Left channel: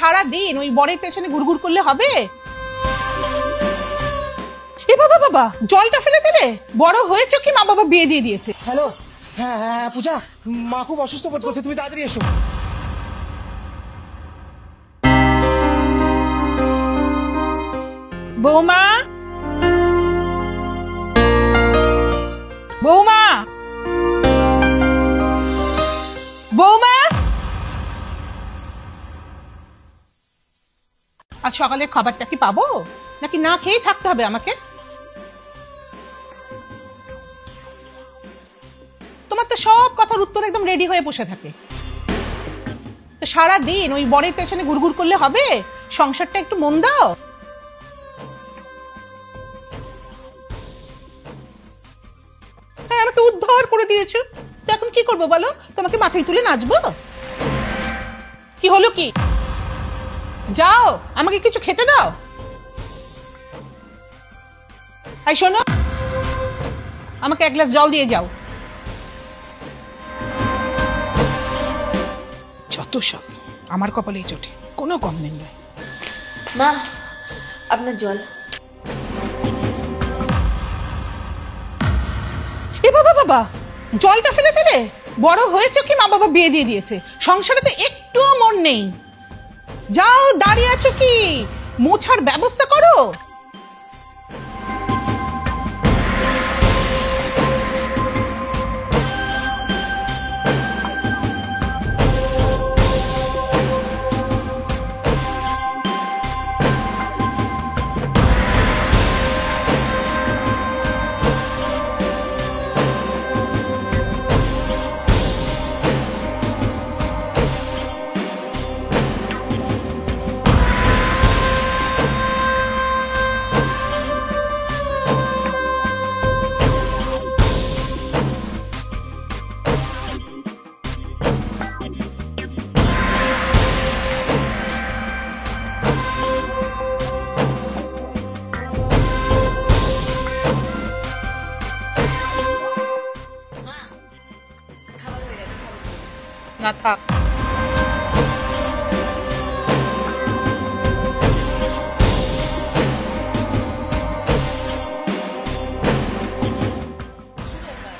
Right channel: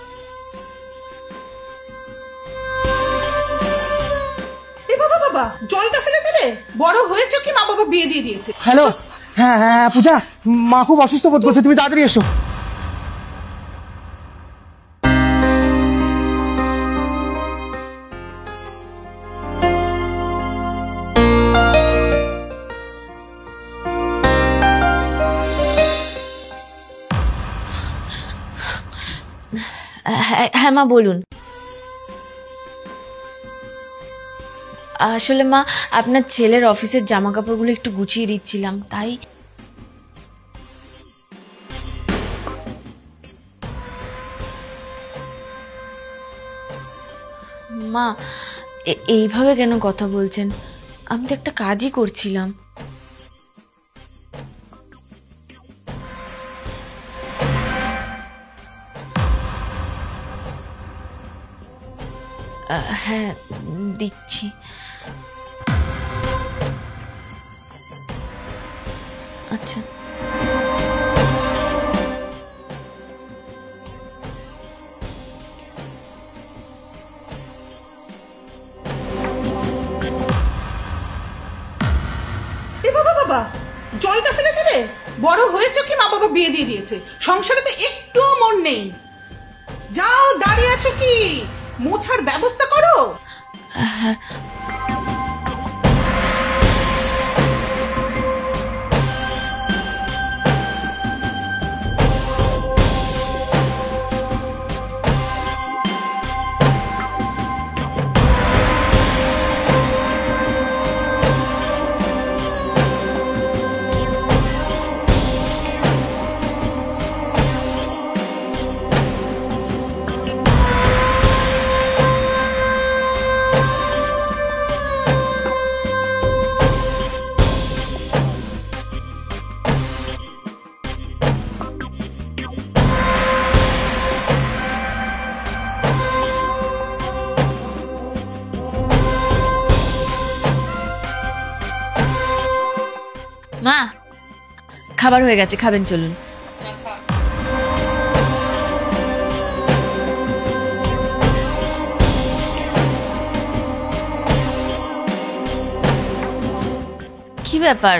সারা দিন ওই বরের পেছনে ঘুরঘুর করলে হবে? এ বাবা বাবা, জলটা ফেলে দিলে। বড় হয়েছে কি মা বাবা বিয়ে দিয়ে দিয়েছে? হ্যালো, হ্যাঁ হ্যাঁ পূজা, মা খুব অসুস্থ বোধ করছে, তুমি তাড়াতাড়ি এসো। বৌমা, বৌমা, বৌমা। হ্যাঁ মা বলুন। আজ সকালে খাবারটা কি পাবো নাকি না খেয়ে থাকতে হবে আমাকে? আসলে মা আপনার ছেলের অফিসের জামা কাপড়গুলো একটু গুছিয়ে দিচ্ছিলাম, তাই। তোমার তো সব কথার উত্তর একদম রেডি হয়ে বসে থাকে। তো সারা দিন ওই বরের পেছনে ঘুরঘুর করলে হবে? সংসারটা একটু মন দাও। মা এইভাবে কেন কথা বলছেন? আমি তো একটা কাজই করছিলাম। হ্যাঁ, আমাকে উদ্ধার করে দিয়েছো, তো এখন কি করবো বলো? তোমাকে মাথায় তুলে নাচবো? কি হলো কি? যাও, আমাকে কিছু খেতে দাও। হ্যাঁ দিচ্ছি। এই শোনো, আমাকে এক গ্লাস জল দিয়ে যাও। আচ্ছা। যত সব আমার কপালেই জোটে, কোনো কম নেই। মা আপনার জল। এ বাবা বাবা, জলটা ফেলে দিলে। বড় হয়েছে কি মা বাবা বিয়ে দিয়ে দিয়েছে? সংসারে তো একটুও মন নেই। যাও, দাঁড়িয়ে আছো কি? মোছার ব্যবস্থা করো। মা খাবার হয়ে গেছে, খাবেন চলুন। না থাক। কি ব্যাপার,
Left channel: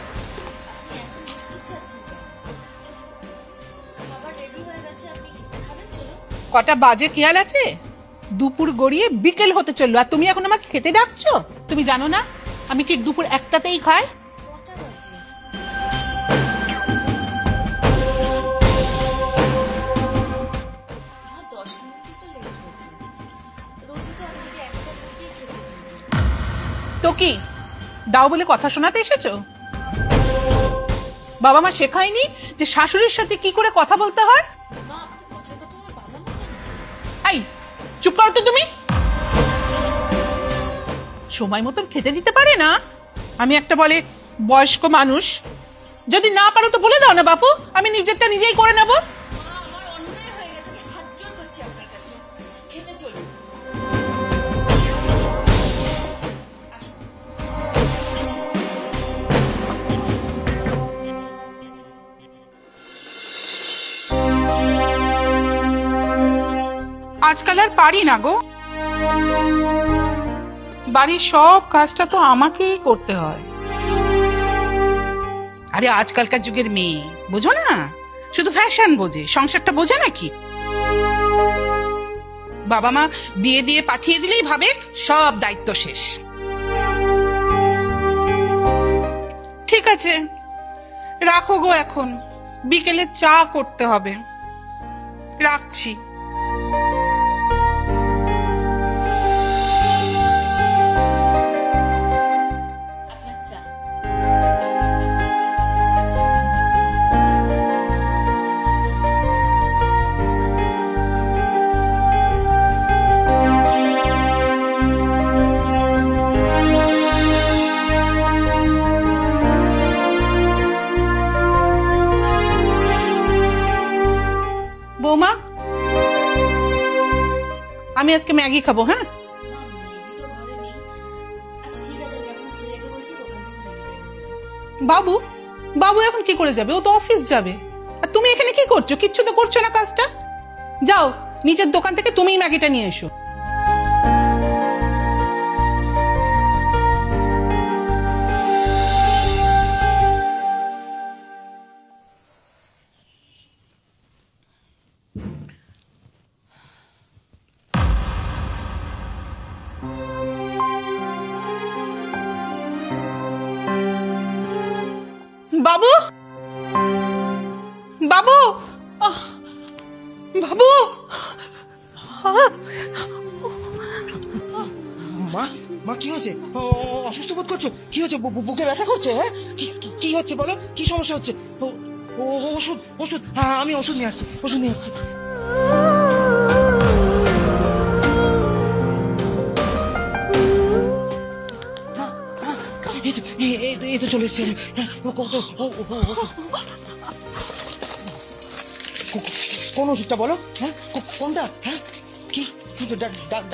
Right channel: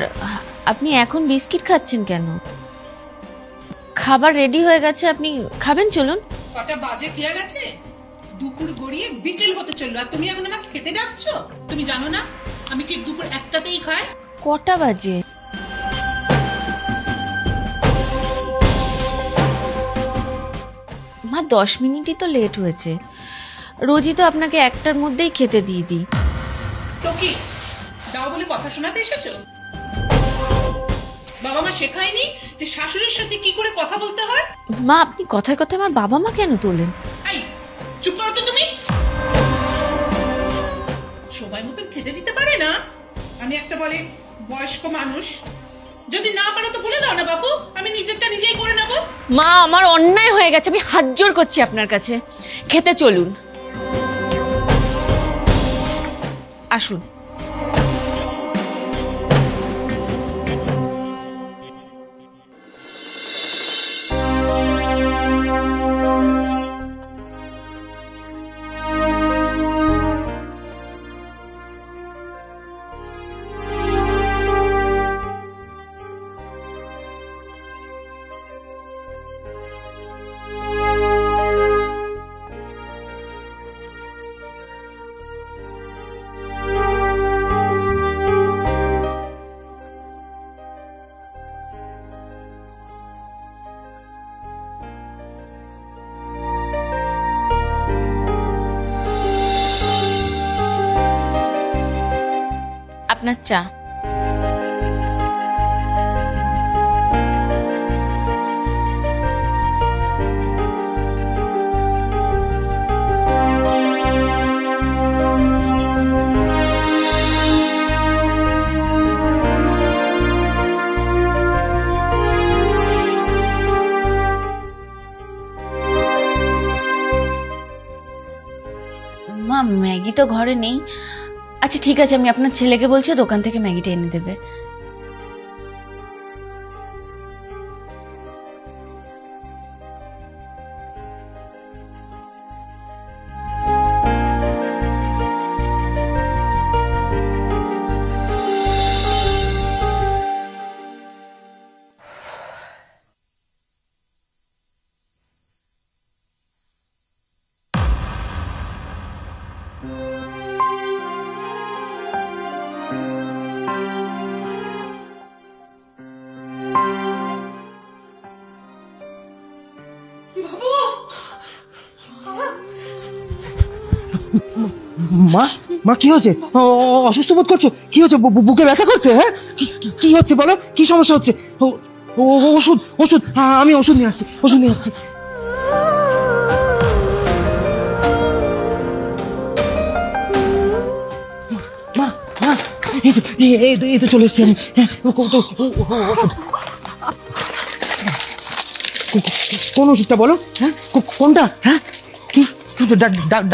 আপনি এখন বিস্কিট খাচ্ছেন কেন? খাবার রেডি হয়ে গেছে, আপনি খাবেন চলুন। কটা বাজে খেয়াল আছে? দুপুর গড়িয়ে বিকেল হতে চললো, আর তুমি এখন আমাকে খেতে ডাকছো? তুমি জানো না আমি ঠিক দুপুর একটাতেই খাই? কটা বাজে? মা 10 মিনিটই তো লেট হয়েছে। রোজই তো আপনাকে একটার মধ্যেই খেতে দিয়ে দিই। তো কি দাও বলে কথা শোনাতে এসেছো? বাবা মা শেখায়নি যে শাশুড়ির সাথে কি করে কথা বলতে হয়? মা আপনি কথায় কথায় আমার বাবা মা কেন তোলেন? এই চুপ করো তো তুমি। সময় মতো খেতে দিতে পারে না? আমি একটা বলে বয়স্ক মানুষ। যদি না পারো তো বলে দাও না বাপু, আমি নিজেরটা নিজেই করে নেব। মা আমার অন্যায় হয়ে গেছে, আমি হাত জোড় করছি আপনার কাছে, খেতে চলুন। আসুন। আজকাল আর পারি না গো, বাড়ির সব কাজটা তো আমাকেই করতে হয়। আরে আজকালকার যুগের মেয়ে বোঝো না, শুধু ফ্যাশন বোঝে, সংসারটা বোঝে নাকি? বাবা মা বিয়ে দিয়ে পাঠিয়ে দিলেই ভাবে সব দায়িত্ব শেষ। ঠিক আছে রাখো গো, এখন বিকেলে চা করতে হবে, রাখছি। আপনার চা। বৌমা, আমি আজকে ম্যাগি খাবো। হ্যাঁ মা ম্যাগি তো ঘরে নেই। আচ্ছা ঠিক আছে, আমি আপনার ছেলেকে বলছি দোকান থেকে ম্যাগিটা এনে দেবে। বাবু, বাবু এখন কি করে যাবে? ও তো অফিস যাবে। আর তুমি এখানে কি করছো? কিচ্ছু তো করছো না কাজটা। যাও নিজের দোকান থেকে তুমিই ম্যাগিটা নিয়ে এসো। বাবু, বাবু, বাবু, মা মা কি হচ্ছে? অসুস্থ বোধ করছো? কি হচ্ছে? বুকে ব্যথা করছে? হ্যাঁ, কি হচ্ছে বলো? কি সমস্যা হচ্ছে? ওষুধ ওষুধ, আমি ওষুধ নিয়ে আসছি, ওষুধ নিয়ে আসছি। মা মা, এই তো চলে এসছি আমি। কোন ওষুধটা বলো? হ্যাঁ, কোনটা? হ্যাঁ, কি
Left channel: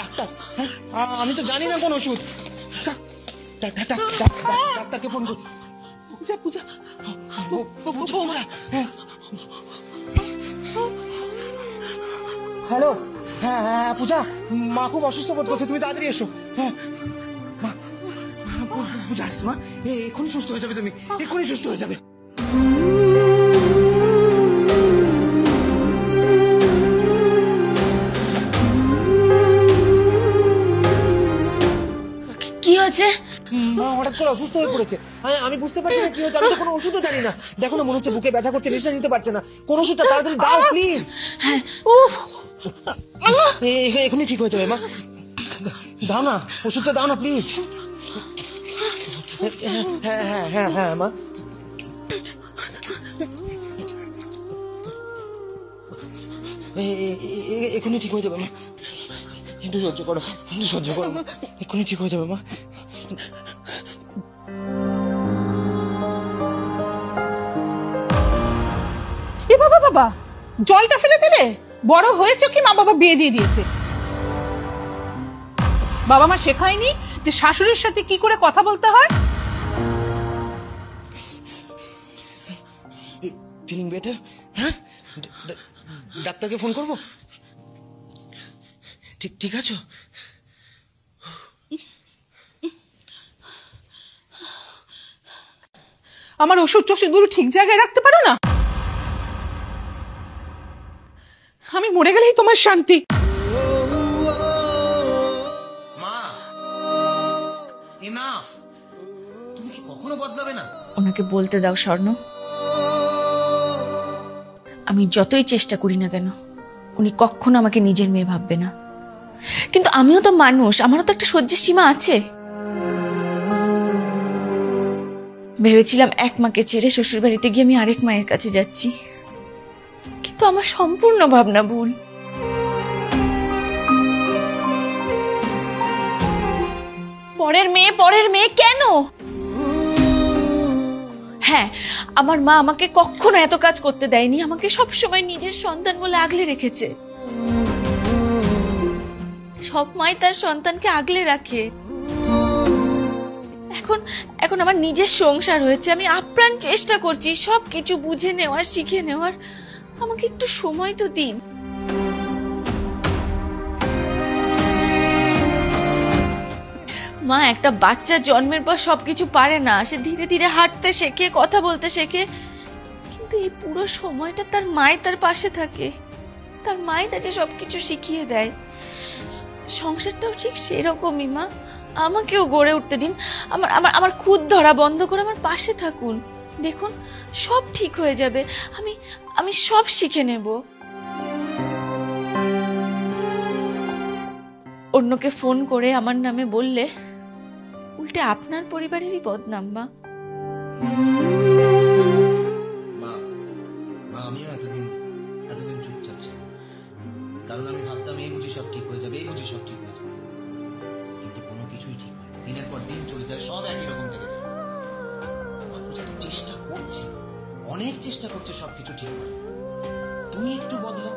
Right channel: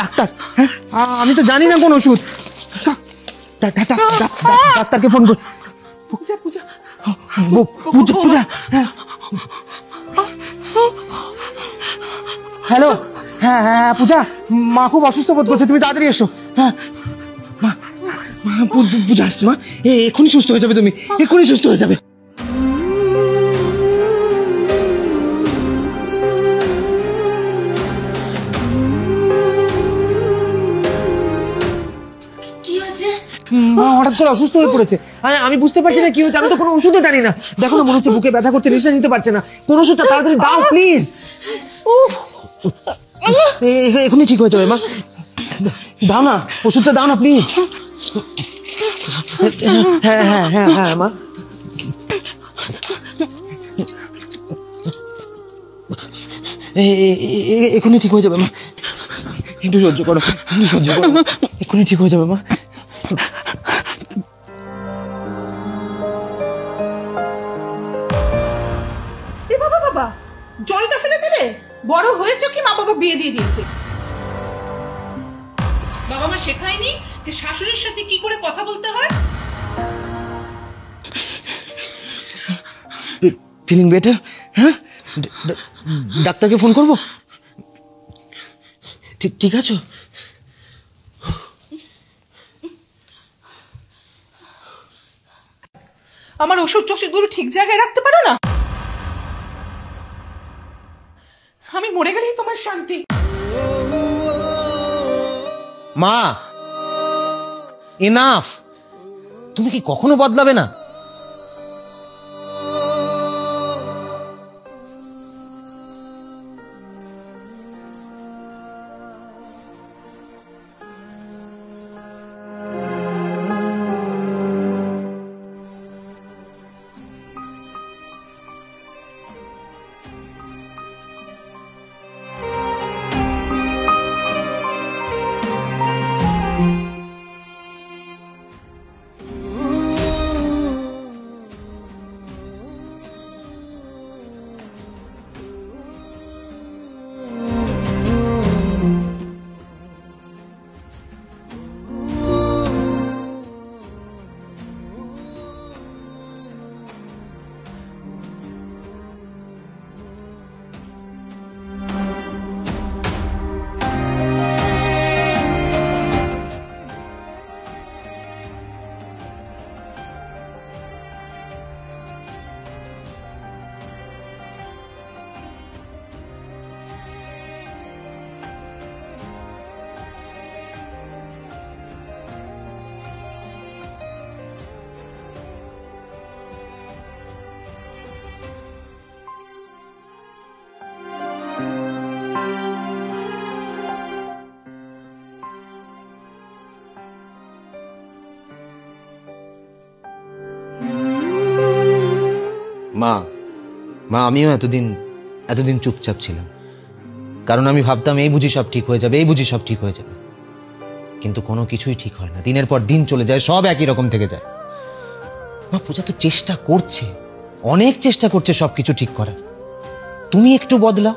ডাক্তার? হ্যাঁ, আমি তো জানি না কোন ওষুধ। ডাক্তারকে ফোন কর। পূজা, পূজা, পূজা। হ্যালো, হ্যাঁ হ্যাঁ পূজা, মা খুব অসুস্থ বোধ করছে, তুমি তাড়াতাড়ি এসো। হ্যাঁ পূজা আসছে মা, এক্ষুনি সুস্থ হয়ে যাবে, তুমি এক্ষুনি সুস্থ হয়ে যাবে। কি হয়েছে? মা হঠাৎ করে অসুস্থ হয়ে পড়েছে। আমি বুঝতে পারছি না কি হয়েছে, আমি তো কোনো ওষুধও জানি না। দেখো না, মনে হচ্ছে বুকে ব্যথা করছে, নিঃশ্বাস নিতে পারছে না। কোন ওষুধটা তাড়াতাড়ি দাও প্লিজ। এখনই ঠিক হয়ে যাবে মা, দাও না ওষুধটা, দাও না প্লিজ। হ্যাঁ হ্যাঁ হ্যাঁ হ্যাঁ মা, এখনই ঠিক হয়ে যাবে মা, একটু সহ্য করো, একটু সহ্য করো, এক্ষুনি ঠিক হয়ে যাবে মা। এ বাবা, বাবা, জলটা ফেলে দিলে। বড় হয়েছে কি মা বাবা বিয়ে দিয়ে দিয়েছে? বাবা মা শেখায়নি যে শাশুড়ির সাথে কি করে কথা বলতে হয়? Feeling better? হ্যাঁ, ডাক্তারকে ফোন করবো? ঠিক আছে। আমার ওষুধ টষুধগুলো ঠিক জায়গায় রাখতে পারো না? আমি মরে গেলেই তোমার শান্তি। মা, এনাফ। তুমি কি কখনো বদলাবে না? ওনাকে বলতে দাও স্বর্ণ, আমি যতই চেষ্টা করি না কেন উনি কখনো আমাকে নিজের মেয়ে ভাববে না। কিন্তু আমিও তো মানুষ, আমারও তো একটা সহ্যের সীমা আছে। ভেবেছিলাম এক মাকে ছেড়ে শ্বশুর বাড়িতে গিয়ে আমি আরেক মায়ের কাছে যাচ্ছি, কিন্তু আমার সম্পূর্ণ ভাবনা ভুল। পরের মেয়ে কেন? হ্যাঁ, আমার মা আমাকে কখনো এত কাজ করতে দেয়নি, আমাকে সবসময় নিজের সন্তান বলে আগলে রেখেছে। সব মাই তার সন্তানকে আগলে রাখে। এখন আমার নিজের সংসার হয়েছে, আমি আপ্রাণ চেষ্টা করছি সবকিছু বুঝে নেওয়ার, শিখে নেওয়ার। আমাকে একটু সময় তো দিন। মা, একটা বাচ্চা জন্মের পর সবকিছু পারে না, সে ধীরে ধীরে হাঁটতে শেখে, কথা বলতে শেখে, কিন্তু এই পুরো সময়টা তার মাই তার পাশে থাকে, তার মাই তাকে সবকিছু শিখিয়ে দেয়। সংসারটাও ঠিক সেরকমই মা, আমাকেও গড়ে উঠতে দিন। আমার খুদ ধরা বন্ধ করে আমার পাশে থাকুন, দেখুন সব ঠিক হয়ে যাবে। আমি সব শিখে নেব। অন্যকে ফোন করে আমার নামে বললে উল্টে আপনার পরিবারেরই বদনাম। মা, আমিও এতদিন চুপচাপ ছিলাম, কারণ আমি ভাবতাম এই বুঝি সব ঠিক হয়ে যাবে, এই বুঝি সব ঠিক হয়ে যাবে। কিন্তু কোনো কিছুই ঠিক হয় না, দিনের পর দিন চলে যায়, সব একই রকম থেকে যায়। মা, পূজা তো চেষ্টা করছে, অনেক চেষ্টা করছে সবকিছু ঠিক করার। তুমি একটু বদলাও,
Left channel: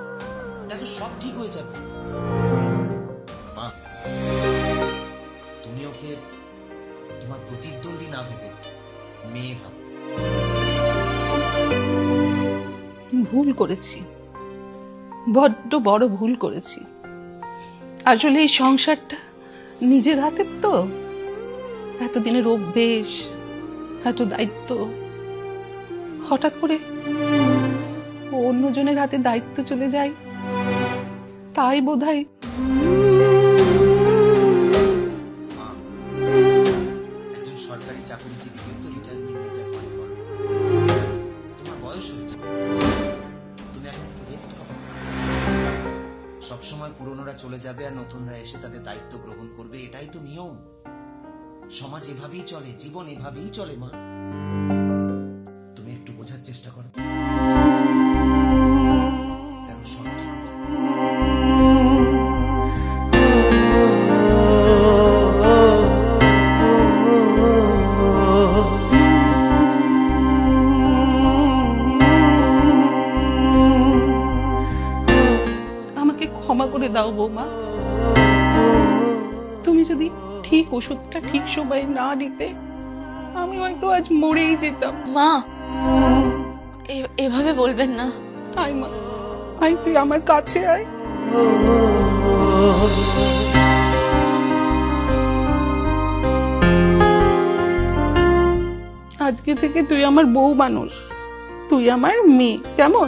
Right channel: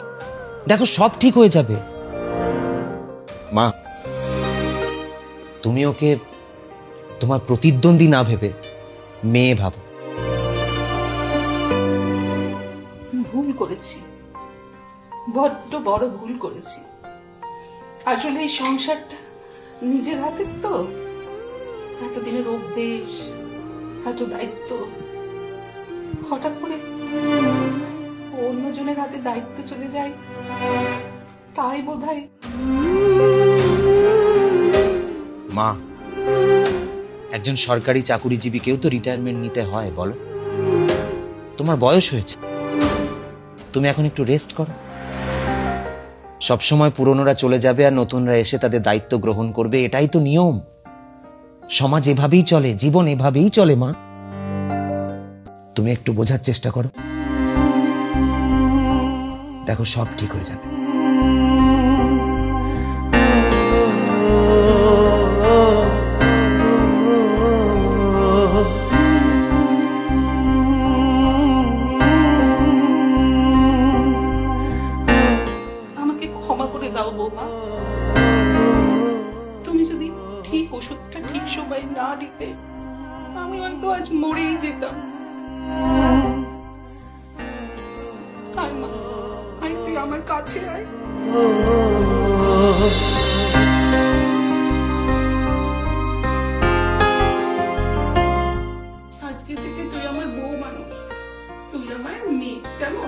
দেখো সব ঠিক হয়ে যাবে। মা, তুমি ওকে তোমার প্রতিদ্বন্দ্বী না ভেবে মেয়ে ভাবো। ভুল করেছি, বড্ড বড় ভুল করেছি। আসলে এই সংসারটা নিজের হাতের তো, এতদিনের অভ্যেস, এত দায়িত্ব, হঠাৎ করে অন্যজনের হাতে দায়িত্ব চলে যায়, তাই বোধহয়। মা, একজন সরকারি চাকুরিজীবীকেও তো রিটায়ারমেন্ট নিতে হয় বলো। তোমার বয়স হয়েছে, তুমি এখন একটু রেস্ট করো। সবসময় পুরনোরা চলে যাবে আর নতুনরা এসে তাদের দায়িত্ব গ্রহণ করবে, এটাই তো নিয়ম। সমাজ এভাবেই চলে, জীবন এভাবেই চলে মা। তুমি একটু বোঝার চেষ্টা করো, দেখো সব ঠিক হয়ে যাবে। আমাকে ক্ষমা করে দাও বৌমা। তুমি যদি ঠিক ওষুধটা ঠিক সময়ে না দিতে, আমি হয়তো আজ মরেই যেতাম। মা, এভাবে বলবেন না। আয় মা, আয়, তুই আমার কাছে আয়। আজকে থেকে তুই আমার বউ মানুষ, তুই আমার মেয়ে, কেমন?